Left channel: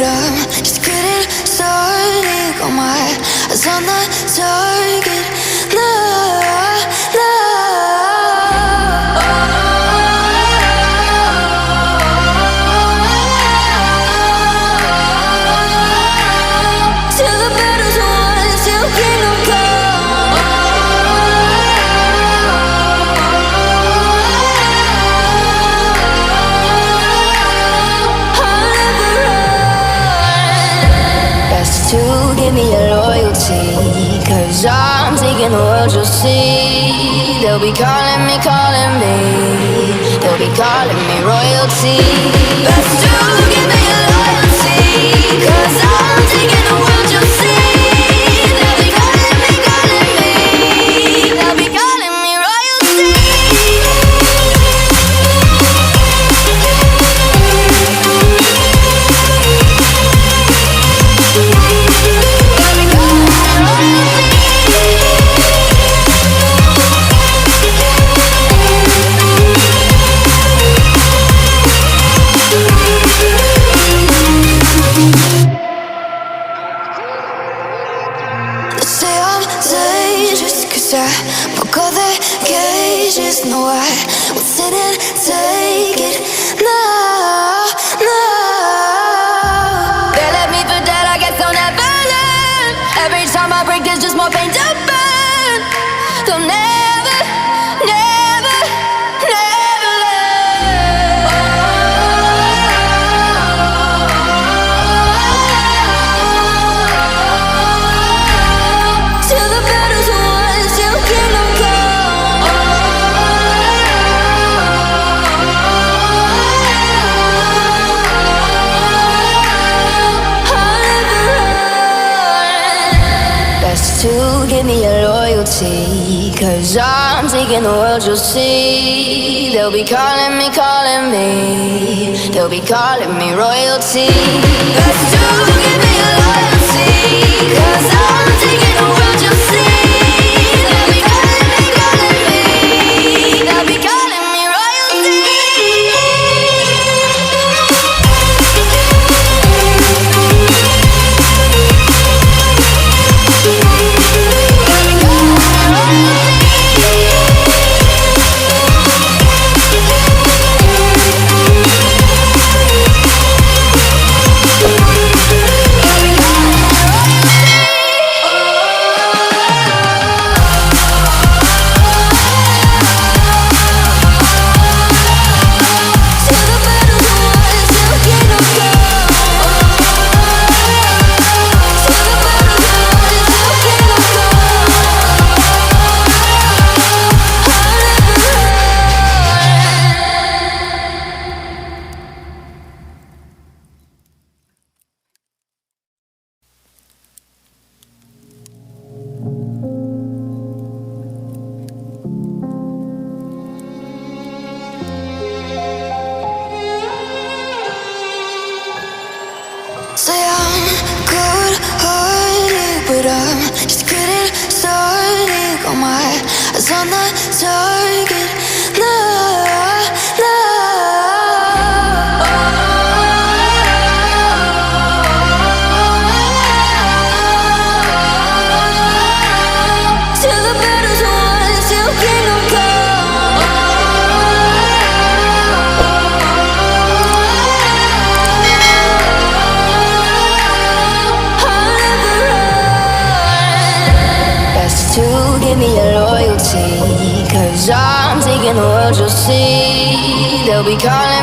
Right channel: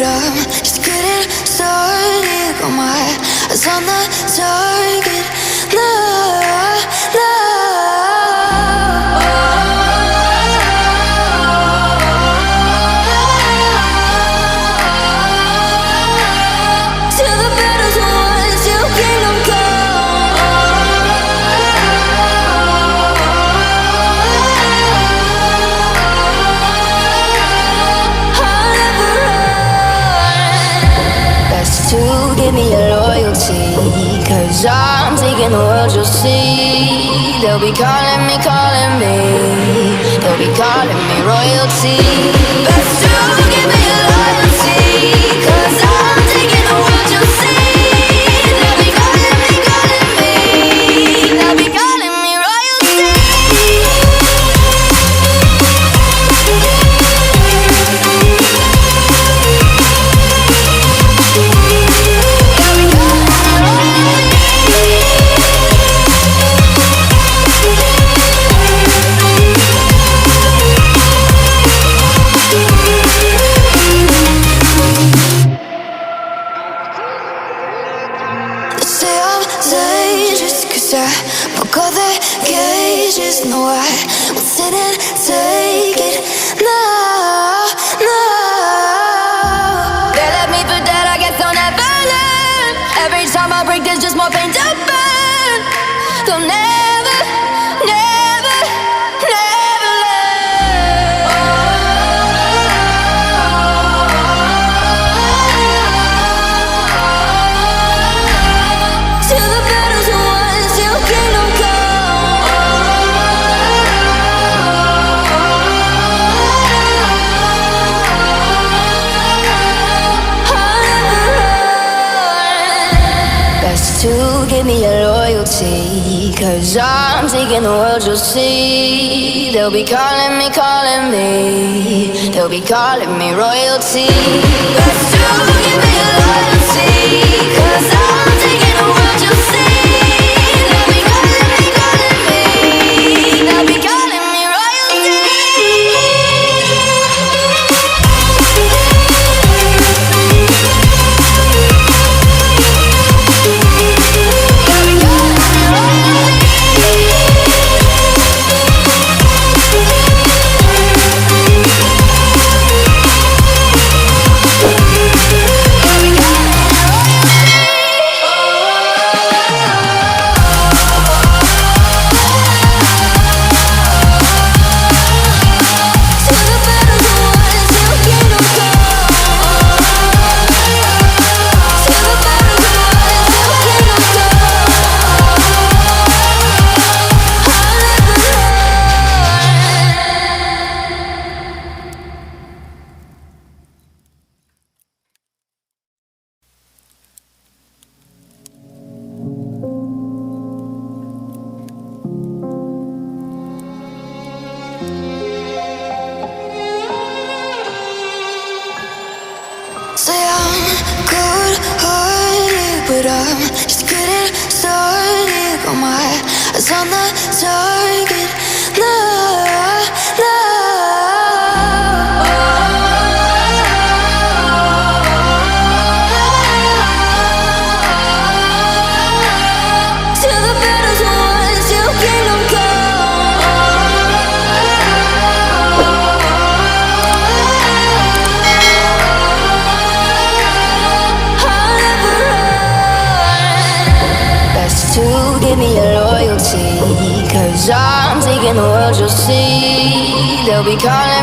but I'm just getting started. Got my eyes on the target. No, no. Till the battle's won, till kingdom come. I'll never run. Best to give me your loyalty, 'cause I'm taking the world, you'll see. They'll be calling me, they'll be calling me royalty. Best to give me your loyalty, 'cause I'm taking the world, you'll see. They'll be calling me, they'll be calling me royalty. They'll be calling me royalty. They say I'm dangerous 'cause I broke all their cages. No, I won't sit and take it. No, no. They left me for dead, I guess I'll never learn. Every time I break, there's just more pain to burn. They'll never, never, never learn. Till the battle's won, till kingdom come. I'll never run. Best to give me your loyalty, 'cause I'm taking the world, you'll see. They'll be calling me, they'll be calling me royalty. Best to give me your loyalty, 'cause I'm taking the world, you'll see. They'll be calling me, they'll be calling me royalty. They'll be calling me royalty. They'll be calling me royalty. Till the battle's won, till kingdom come. Till the battle's won, till kingdom come. I'll never run. Say I'm good-hearted, but I'm just getting started. Got my eyes on the target. No, no. Till the battle's won, till kingdom come. I'll never run. Best to give me your loyalty, 'cause I'm taking the world, you'll see. They'll be calling me.